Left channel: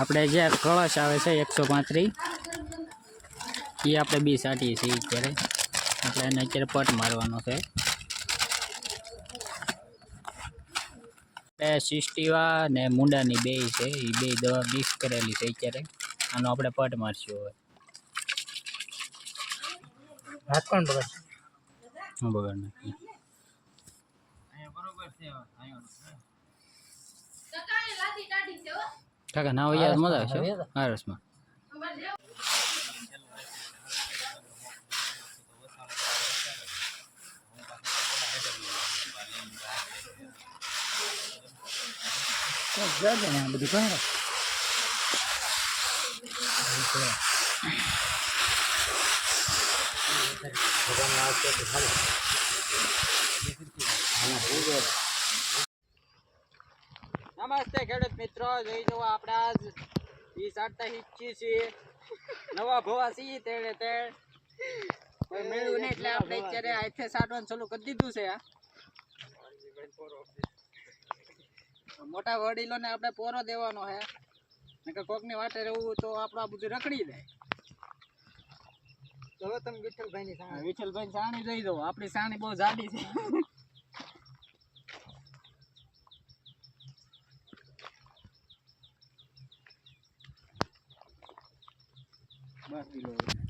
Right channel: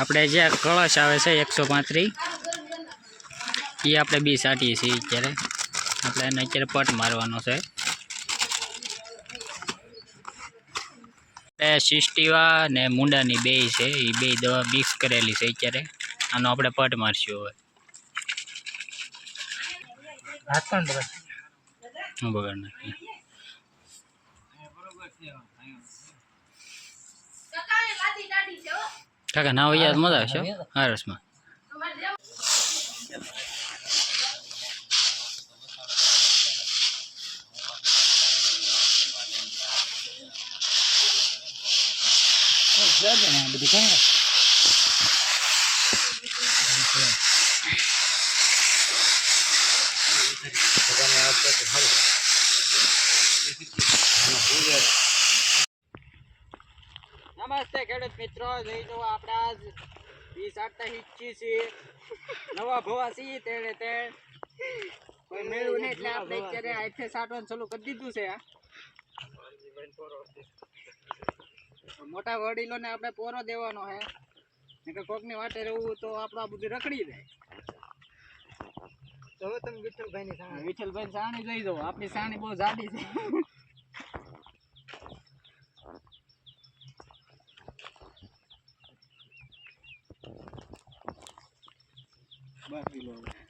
આપણે જે કળશ આવે છે એકસો પાંત્રીસ એ આપણે બી સાટીએ છીએ અત્યારે. આપણે એને અત્યારે પટ મારવાનો છે. એ સિસ્ટીવા ને મુંડાની બે છે એ બે દવા મિક્સ કરેલી છે અત્યારે. આનો આપણે પટ મારશું હવે. હાથ પણ બગડ હું બગાડ નાખીએ કાકા ના હોય યાદ મજા આવશે હો. હા? રસમાં જજે ને આ બધી કોણ નમસ્તે ખેડૂત મિત્રો જઈ જુઓ આપણે આજ વીસ આટતા હિચ્છી છીએ નવા ભવા છીએ તેણે તે કોઈ મેળવું નહીં એટલે આપણે અત્યારે આથે સાટવાનું ચાલુ કરી દીધું છે આ મોટા વડીલોને આપણે પોરો દેવાનો છે નકર કોકની વાટે રહેવું તો આપણું આ બધું રખડી જાય હવે તમે વિઠ્ઠલભાઈ ની સામે વિઠ્ઠલભાઈ સાણી જઈ દો આપણી સાણી બહુ જાડી છે Matilor.